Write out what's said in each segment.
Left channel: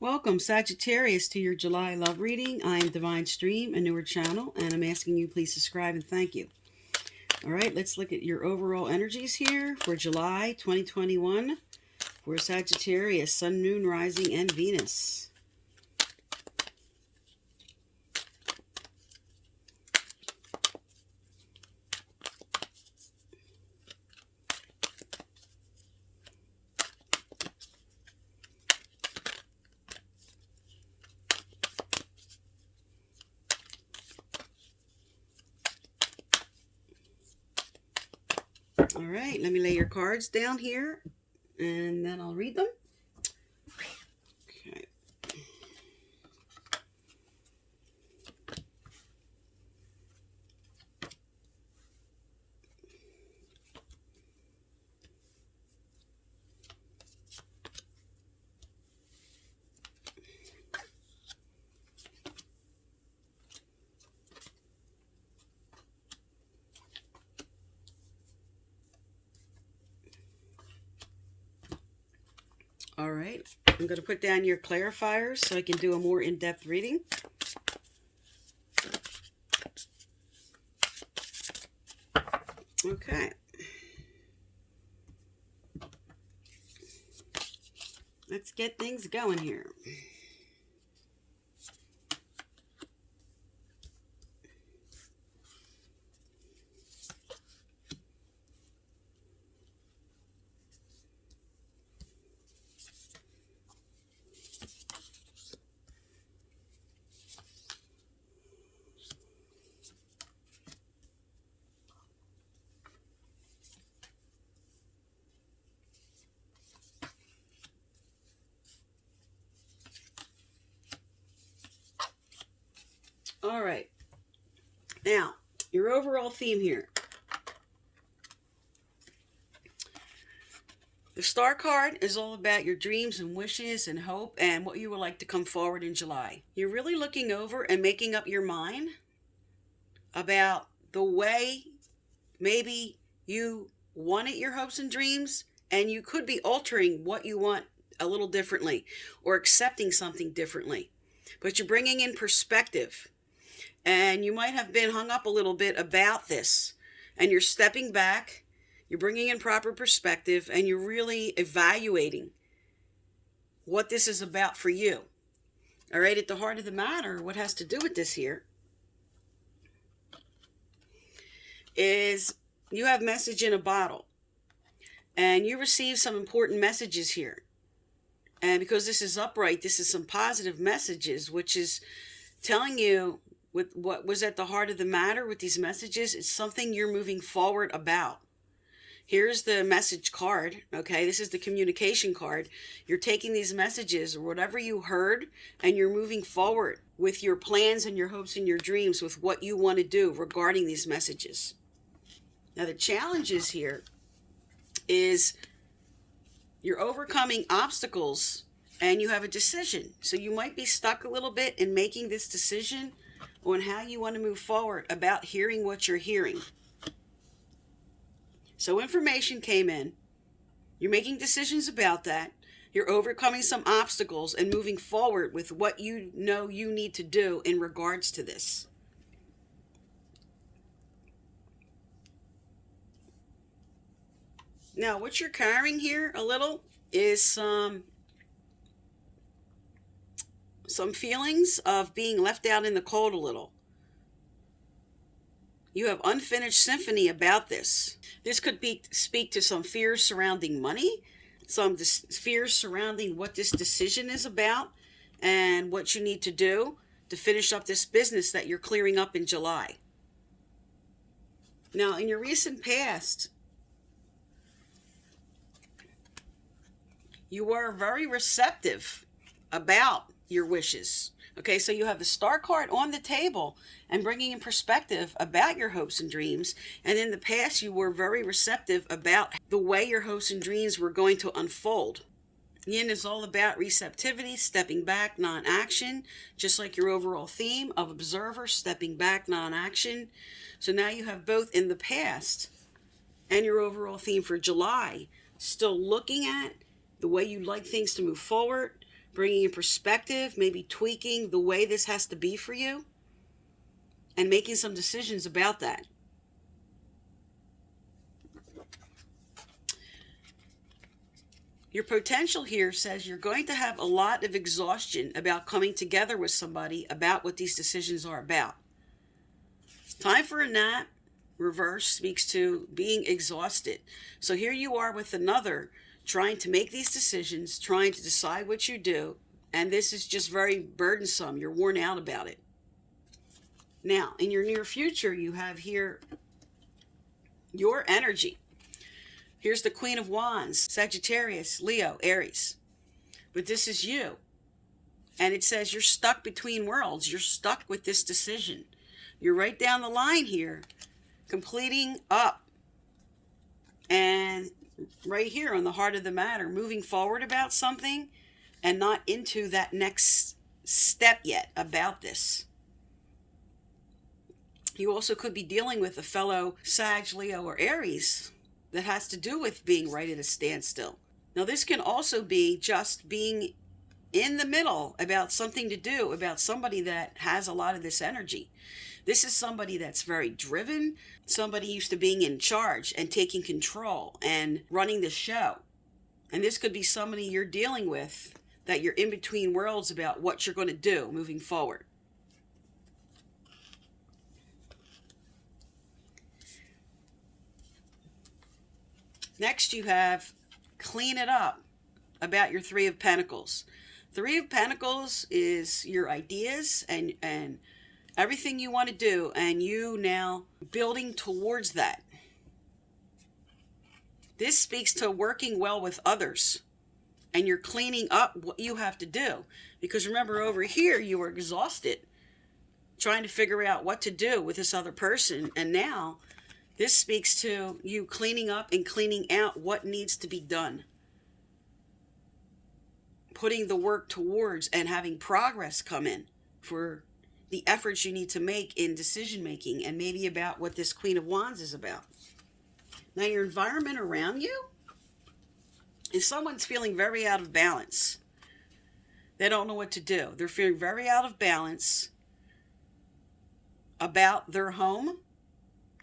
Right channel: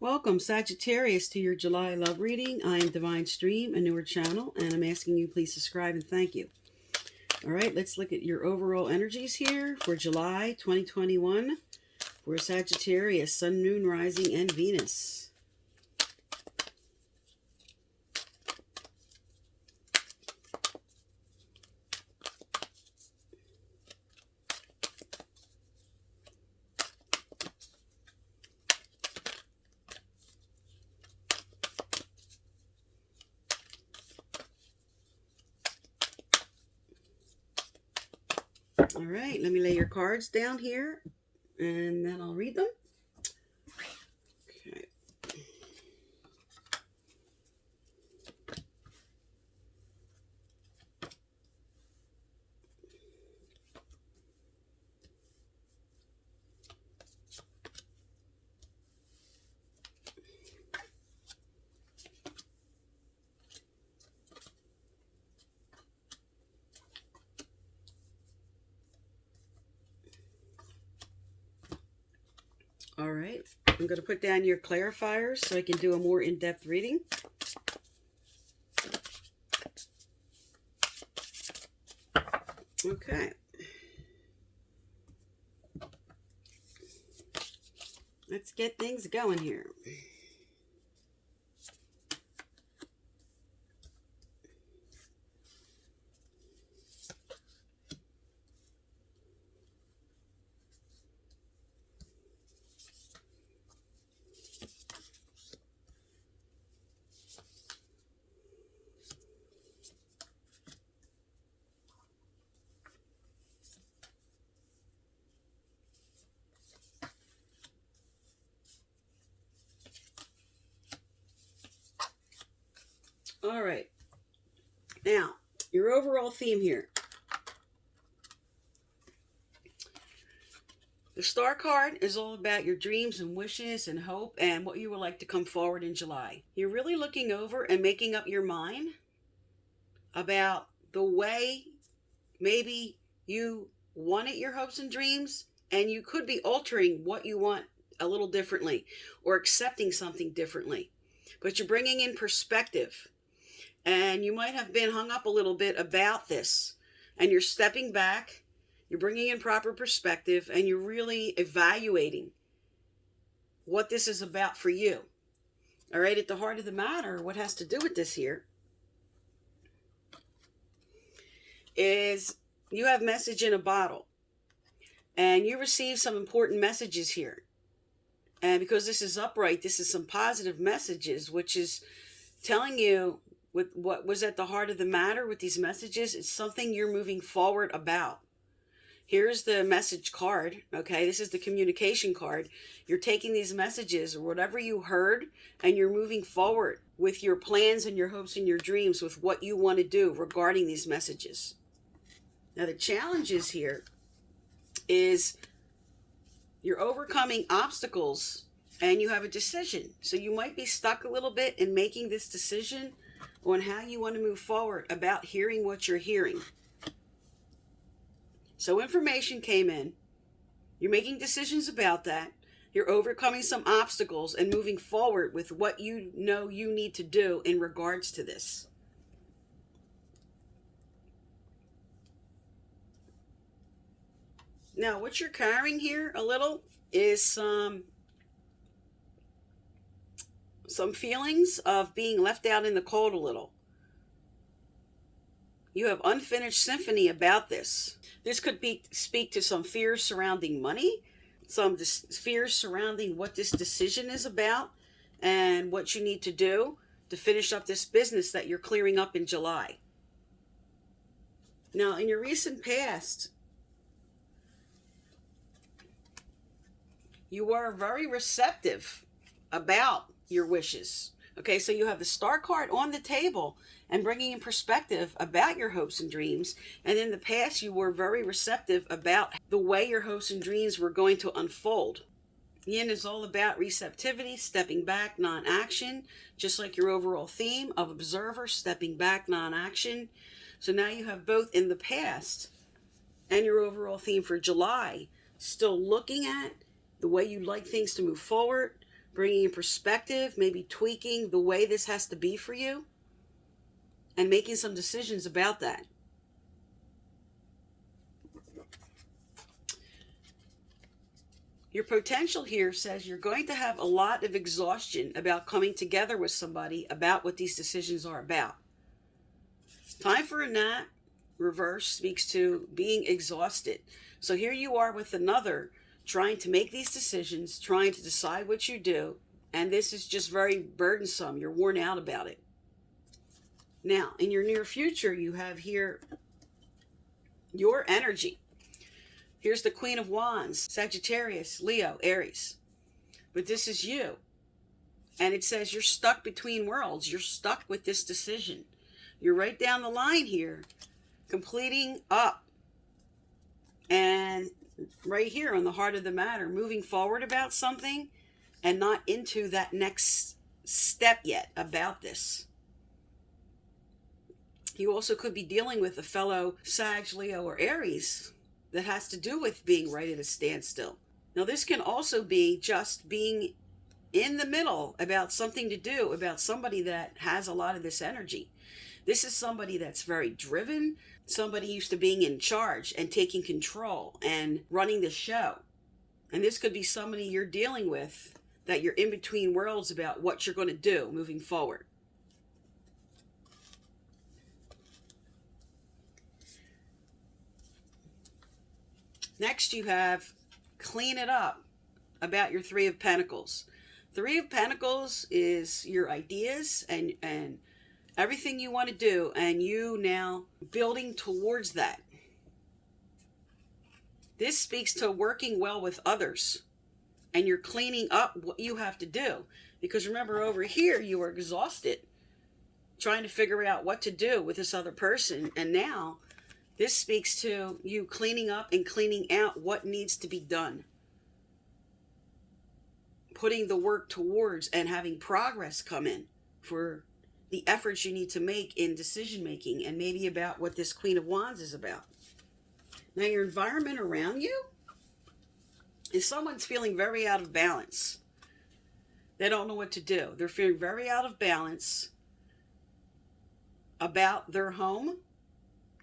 Welcome, Sagittarius, to your July love reading. I am Divine Stream, a newer channel, and I'm asking you please subscribe and thank you. All right, let's look at your overall energies here for July 2021 for Sagittarius, Sun, Moon, Rising, and Venus. All right, let me lay your cards down here, and then I'll read them. Okay. All right, I'm going to put down your clarifiers so I can do a more in-depth reading. Okay. Let's get things going here. All right. Now, your overall theme here. The Star card is all about your dreams and wishes and hope and what you would like to come forward in July. You're really looking over and making up your mind about the way maybe you wanted your hopes and dreams, and you could be altering what you want a little differently or accepting something differently. But you're bringing in perspective. And you might have been hung up a little bit about this. And you're stepping back, you're bringing in proper perspective, and you're really evaluating what this is about for you. All right, at the heart of the matter, what has to do with this here is you have message in a bottle. And you receive some important messages here. And because this is upright, this is some positive messages, which is telling you with what was at the heart of the matter with these messages. It's something you're moving forward about. Here's the message card. Okay, this is the communication card. You're taking these messages or whatever you heard, and you're moving forward with your plans and your hopes and your dreams with what you want to do regarding these messages. Now, the challenges here is you're overcoming obstacles and you have a decision. So you might be stuck a little bit in making this decision on how you want to move forward about hearing what you're hearing. So information came in. You're making decisions about that. You're overcoming some obstacles and moving forward with what you know you need to do in regards to this. Now, what you're carrying here a little is some feelings of being left out in the cold a little. You have unfinished symphony about this. This could speak to some fears surrounding money, some fears surrounding what this decision is about and what you need to do to finish up this business that you're clearing up in July. Now, in your recent past, you were very receptive about your wishes. Okay, so you have the Star card on the table and bringing in perspective about your hopes and dreams. And in the past, you were very receptive about the way your hopes and dreams were going to unfold. Yin is all about receptivity, stepping back, non-action, just like your overall theme of observer, stepping back, non-action. So now you have both in the past and your overall theme for July, still looking at the way you'd like things to move forward, bringing in perspective, maybe tweaking the way this has to be for you, and making some decisions about that. Your potential here says you're going to have a lot of exhaustion about coming together with somebody about what these decisions are about. Time for a nap, reverse, speaks to being exhausted. So here you are with another, trying to make these decisions, trying to decide what you do, and this is just very burdensome. You're worn out about it. Now, in your near future, you have here your energy. Here's the Queen of Wands, Sagittarius, Leo, Aries. But this is you. And it says you're stuck between worlds. You're stuck with this decision. You're right down the line here, completing up. And right here on the heart of the matter, moving forward about something and not into that next step yet about this. You also could be dealing with a fellow Sag, Leo, or Aries that has to do with being right at a standstill. Now, this can also be just being in the middle about something to do, about somebody that has a lot of this energy. This is somebody that's very driven, somebody used to being in charge and taking control and running the show. And this could be somebody you're dealing with that you're in between worlds about what you're going to do moving forward. Next, you have clean it up about your Three of Pentacles. Three of Pentacles is your ideas and everything you want to do, and you now building towards that. This speaks to working well with others, and you're cleaning up what you have to do. Because remember, over here, you were exhausted trying to figure out what to do with this other person, and now this speaks to you cleaning up and cleaning out what needs to be done. Putting the work towards and having progress come in for the efforts you need to make in decision making, and maybe about what this Queen of Wands is about. Now, your environment around you is someone's feeling very out of balance. They don't know what to do. They're feeling very out of balance about their home,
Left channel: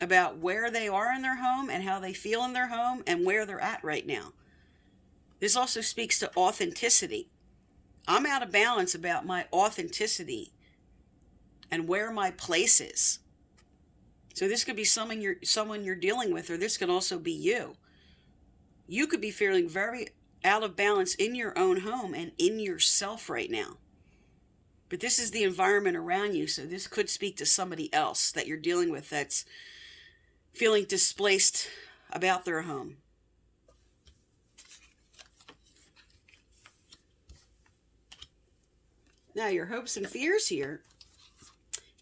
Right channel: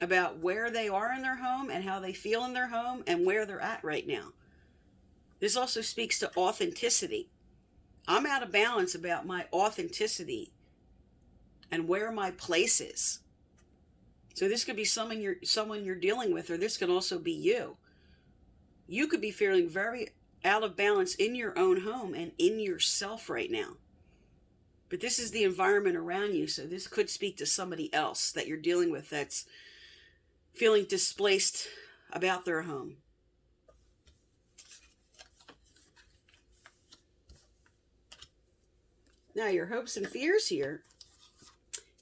about where they are in their home and how they feel in their home and where they're at right now. This also speaks to authenticity. I'm out of balance about my authenticity and where my place is. So this could be someone you're dealing with, or this can also be you. You could be feeling very out of balance in your own home and in yourself right now. But this is the environment around you, so this could speak to somebody else that you're dealing with that's feeling displaced about their home. Now, your hopes and fears here.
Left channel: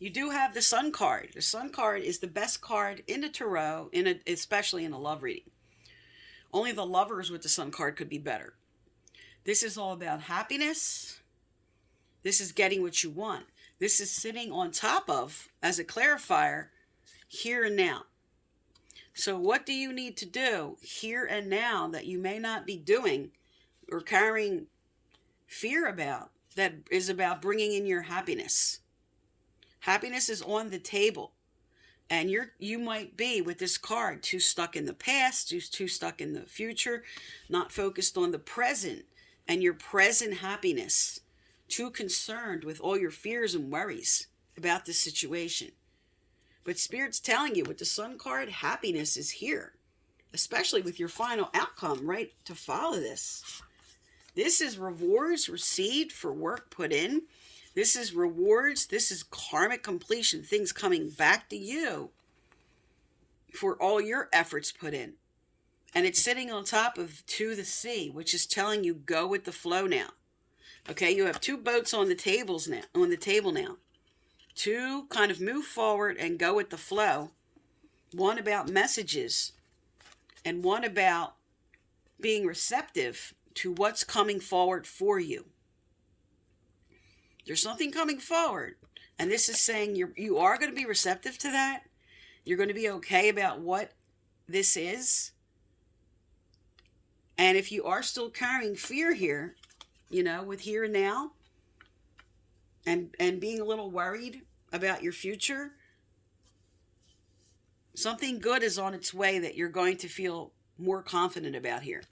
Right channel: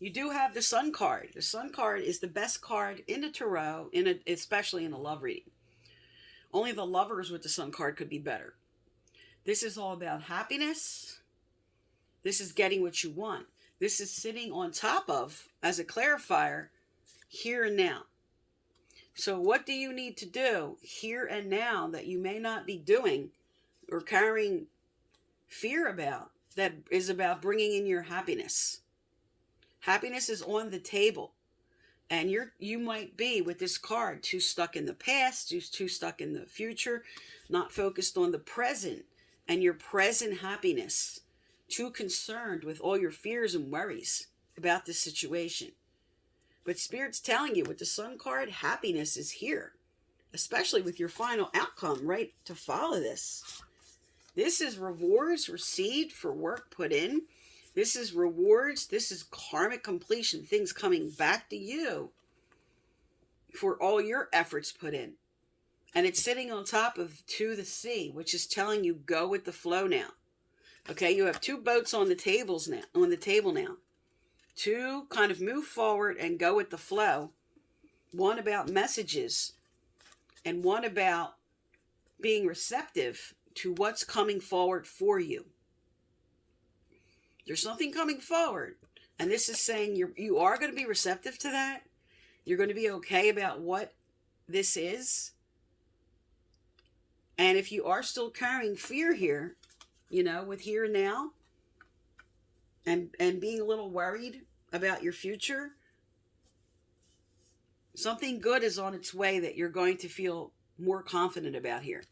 You do have the Sun card. The Sun card is the best card in the tarot, especially in a love reading. Only the lovers with the Sun card could be better. This is all about happiness. This is getting what you want. This is sitting on top of, as a clarifier, here and now. So what do you need to do here and now that you may not be doing or carrying fear about, that is about bringing in your happiness? Happiness is on the table. And you might be, with this card, too stuck in the past, too stuck in the future, not focused on the present and your present happiness, too concerned with all your fears and worries about this situation. But Spirit's telling you with the Sun card, happiness is here, especially with your final outcome, right, to follow this. This is rewards received for work put in. This is rewards. This is karmic completion, things coming back to you for all your efforts put in. And it's sitting on top of to the sea, which is telling you go with the flow now. Okay, you have two boats on the table now. To kind of move forward and go with the flow. One about messages and one about being receptive to what's coming forward for you. There's something coming forward, and this is saying you are going to be receptive to that. You're going to be okay about what this is. And if you are still carrying fear here, with here and now, and being a little worried about your future. Something good is on its way that you're going to feel more confident about here.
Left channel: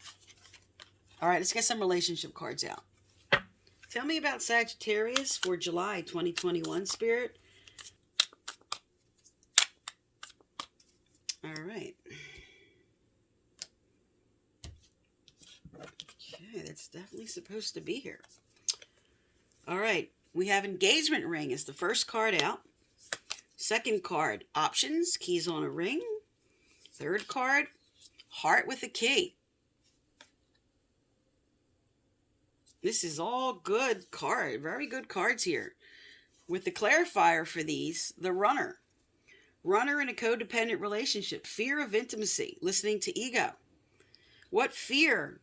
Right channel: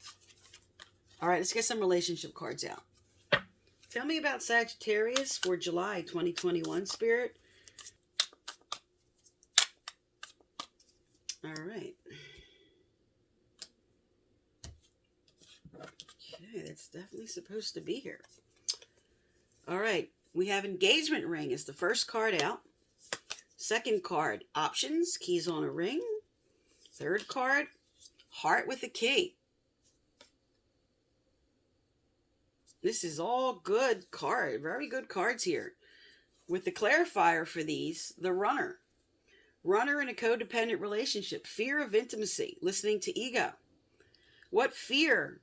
All right, let's get some relationship cards out. Tell me about Sagittarius for July 2021, Spirit. All right. Okay, that's definitely supposed to be here. All right, we have engagement ring as the first card out. Second card, options, keys on a ring. Third card, heart with a key. This is all good card, very good cards here. With the clarifier for these, the runner. Runner in a codependent relationship. Fear of intimacy, listening to ego. What fear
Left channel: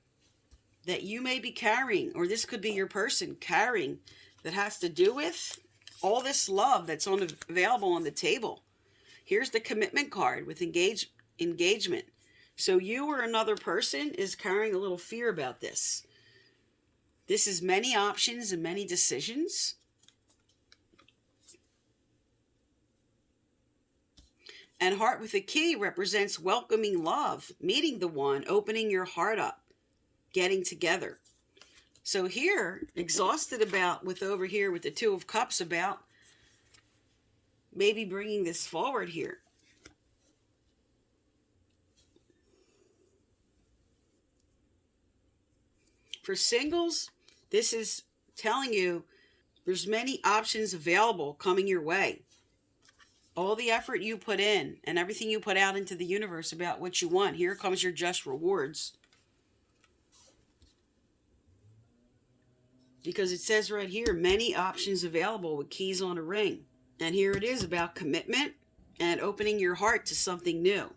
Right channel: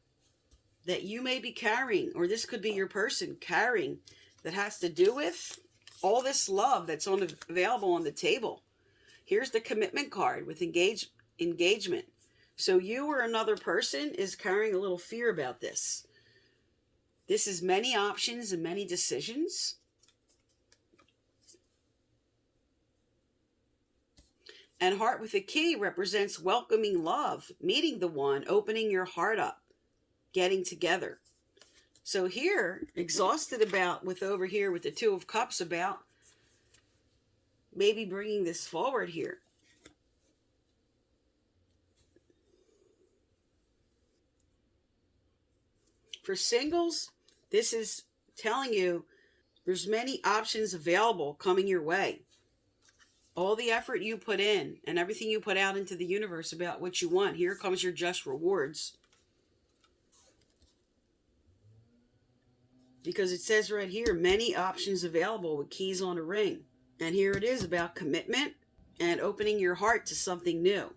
that you may be carrying, or this could be your person carrying, that has to do with all this love that's available on the table. Here's the commitment card with engagement. So you or another person is carrying a little fear about this. This is many options and many decisions. And heart with a key represents welcoming love, meeting the one, opening your heart up, getting together. So here, exhausted about with over here with the Two of Cups about maybe bringing this forward here. For singles, this is telling you there's many options available coming your way. All the effort you put in and everything you put out into the universe about what you want, here comes your just rewards. Because it says right here, many options available with keys on a ring. And here it is about commitment and opening your heart to something new.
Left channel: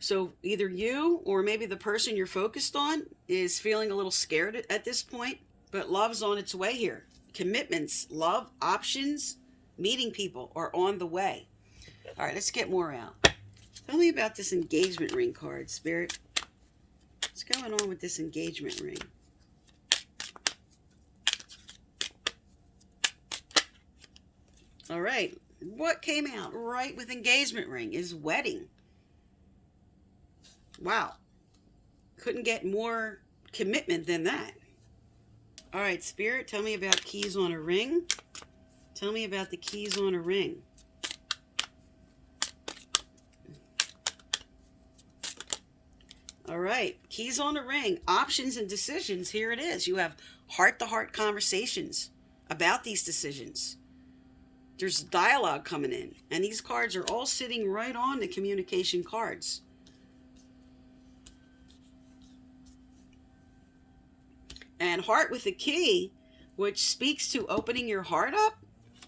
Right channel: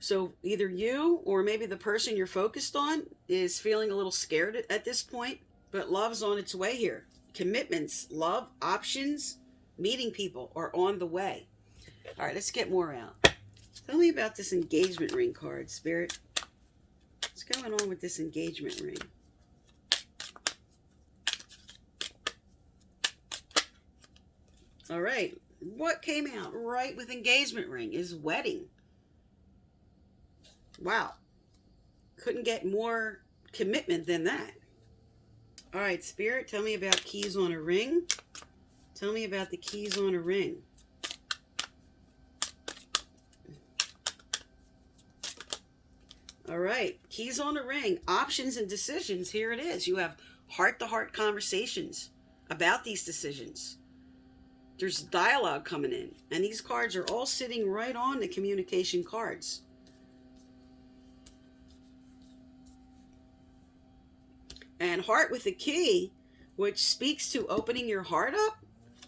So either you or maybe the person you're focused on is feeling a little scared at this point, but love's on its way here. Commitments, love, options, meeting people are on the way. All right, let's get more out. Tell me about this engagement ring card, Spirit. What's going on with this engagement ring? All right, what came out right with engagement ring is wedding. Wow, couldn't get more commitment than that. All right, Spirit, tell me about keys on a ring. Tell me about the keys on a ring. All right, keys on a ring, options and decisions. Here it is. You have heart-to-heart conversations about these decisions. There's dialogue coming in, and these cards are all sitting right on the communication cards. And heart with a key, which speaks to opening your heart up.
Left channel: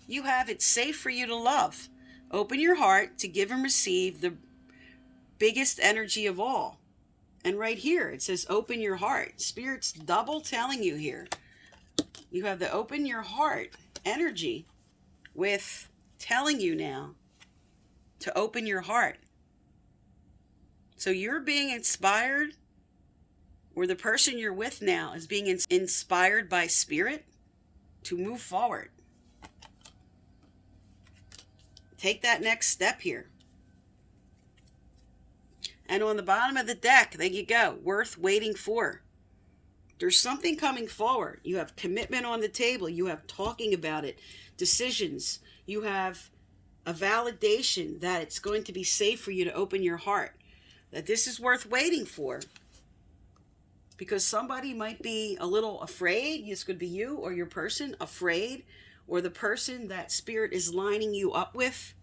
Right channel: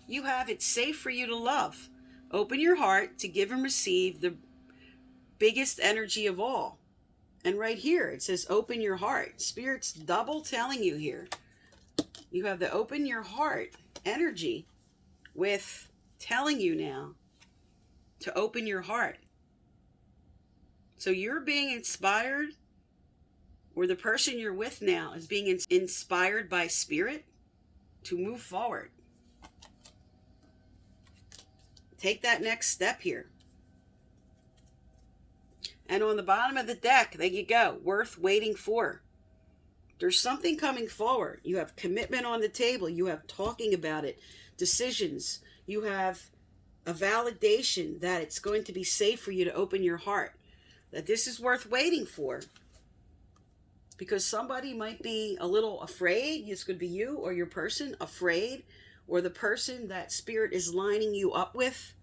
You have it's safe for you to love. Open your heart to give and receive the biggest energy of all. And right here, it says open your heart. Spirit's double telling you here. You have the open your heart energy with telling you now to open your heart. So you're being inspired, or the person you're with now is being inspired by Spirit to move forward. Take that next step here. And on the bottom of the deck, there you go, worth waiting for. There's something coming forward. You have commitment on the table. You have talking about it, decisions. You have a validation that it's going to be safe for you to open your heart, that this is worth waiting for. Because somebody might be a little afraid. This could be you or your person afraid, or the person that Spirit is lining you up with,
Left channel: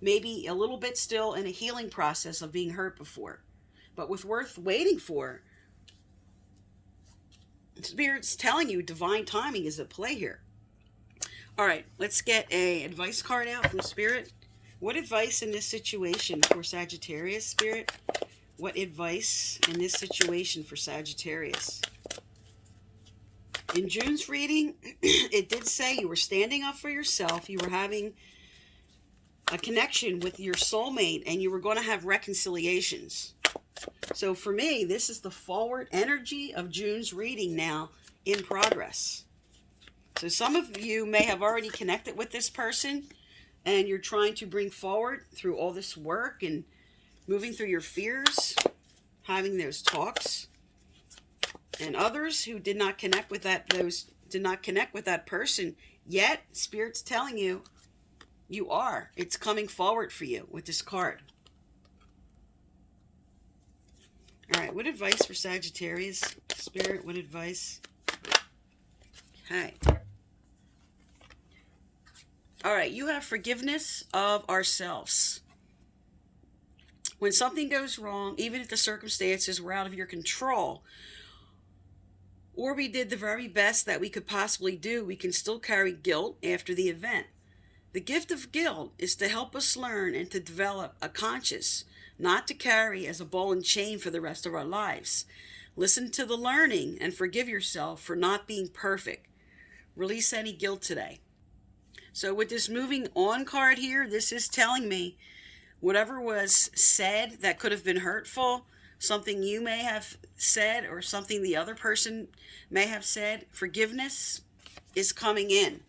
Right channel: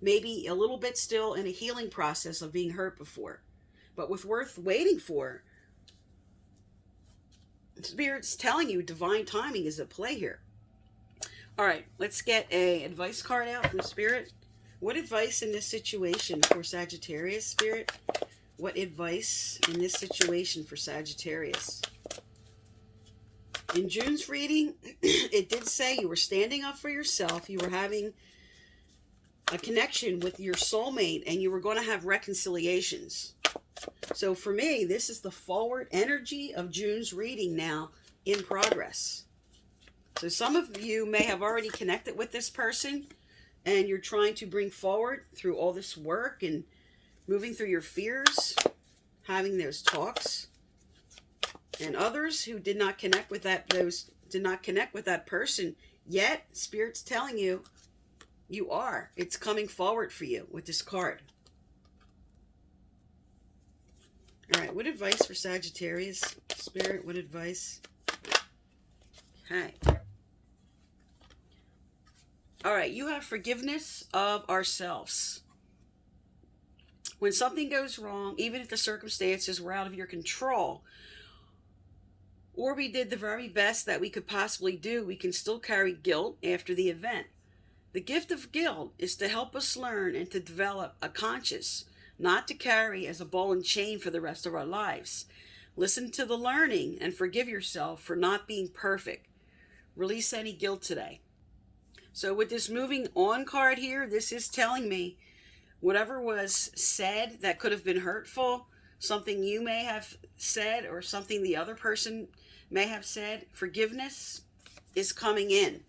maybe a little bit still in a healing process of being hurt before. But with worth waiting for, Spirit's telling you divine timing is at play here. All right, let's get a advice card out from Spirit. What advice in this situation for Sagittarius, Spirit? What advice in this situation for Sagittarius? In June's reading, it did say you were standing up for yourself. You were having a connection with your soulmate, and you were going to have reconciliations. So for me, this is the forward energy of June's reading now in progress. So some of you may have already connected with this person, and you're trying to bring forward through all this work and moving through your fears, having those talks. And others who did not connect with that person yet, Spirit's telling you, you are. It's coming forward for you with this card. All right, what advice for Sagittarius? Spirit, what advice? Okay. All right, you have forgiveness of ourselves. When something goes wrong, even if the circumstances were out of your control, or we did the very best that we could possibly do, we can still carry guilt after the event. The gift of guilt is to help us learn and to develop a conscience, not to carry as a ball and chain for the rest of our lives. Listen to the learning and forgive yourself for not being perfect. Release any guilt today. So with this moving on card here, this is telling me whatever was said that could have been hurtful, something you may have said or something the other person may have said, forgiveness is coming in.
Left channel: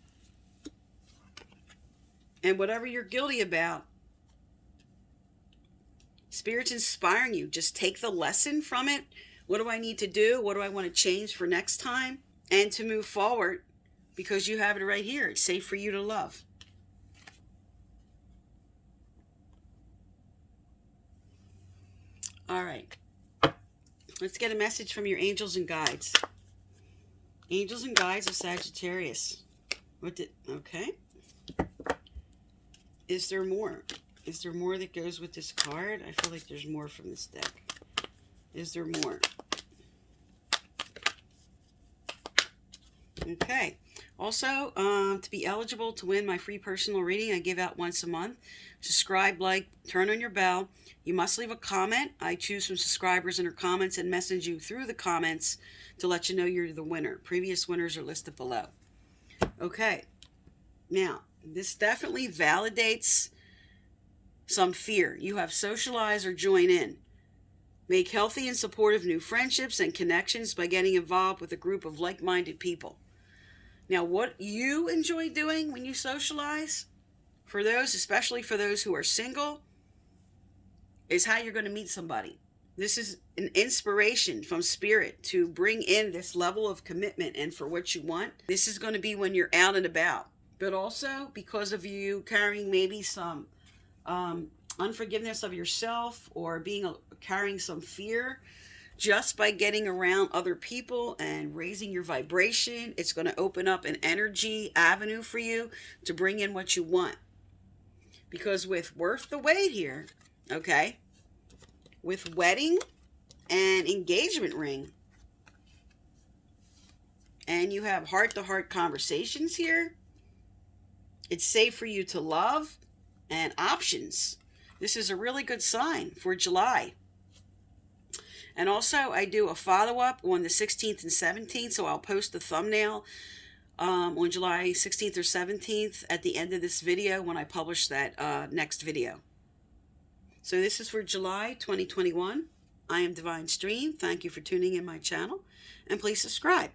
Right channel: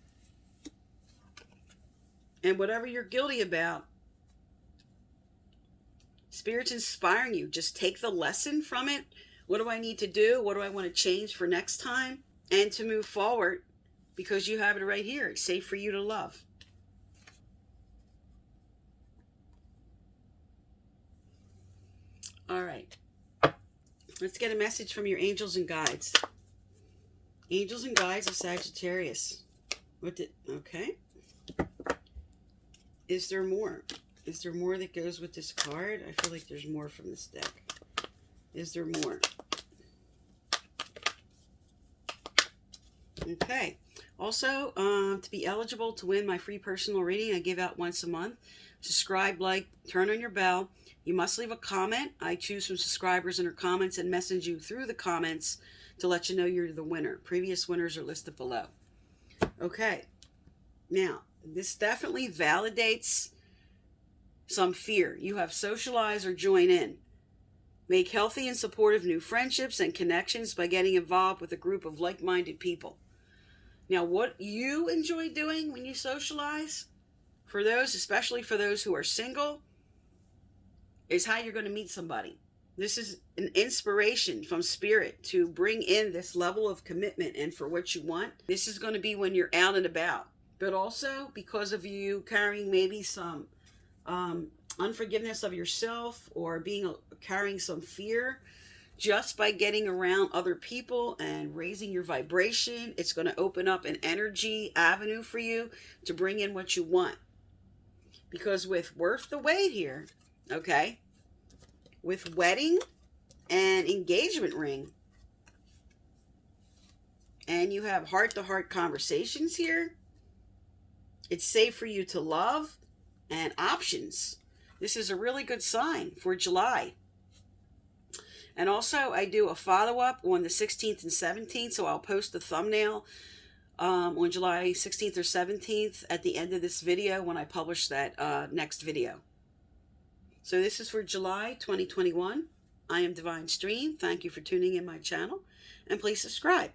And whatever you're guilty about, Spirit's inspiring you. Just take the lesson from it. What do I need to do? What do I want to change for next time? And to move forward, because you have it right here. It's safe for you to love. All right. Let's get a message from your angels and guides. Angels and guides of Sagittarius. Okay. Is there more? Is there more that goes with this card? I feel like there's more from this deck. Is there more? Okay. Also, to be eligible to win my free personal reading, I give out once a month. Subscribe, like, turn on your bell. You must leave a comment. I choose from subscribers and their comments and message you through the comments to let you know you're the winner. Previous winners are listed below. Okay. Now, this definitely validates some fear. You have socialized or join in. Make healthy and supportive new friendships and connections by getting involved with a group of like-minded people. Now, what you enjoy doing when you socialize, for those, especially for those who are single, is how you're going to meet somebody. This is an inspiration from Spirit to bring in this level of commitment and for what you want. This is going to be when you're out and about. But also because of you carrying maybe some unforgiveness of yourself or carrying some fear, just by getting around other people and raising your vibration, it's going to open up an energy avenue for you to bring in what you want. Because with Worth the Wait here, okay, with wedding and engagement ring, and you have heart-to-heart conversations here, it's safe for you to love and options. This is a really good sign for July. And also, I do a follow-up on the 16th and 17th, so I'll post the thumbnail on July 16th or 17th at the end of this video when I publish that next video. So this is for July 2021. I am Divine Stream. Thank you for tuning in my channel, and please subscribe.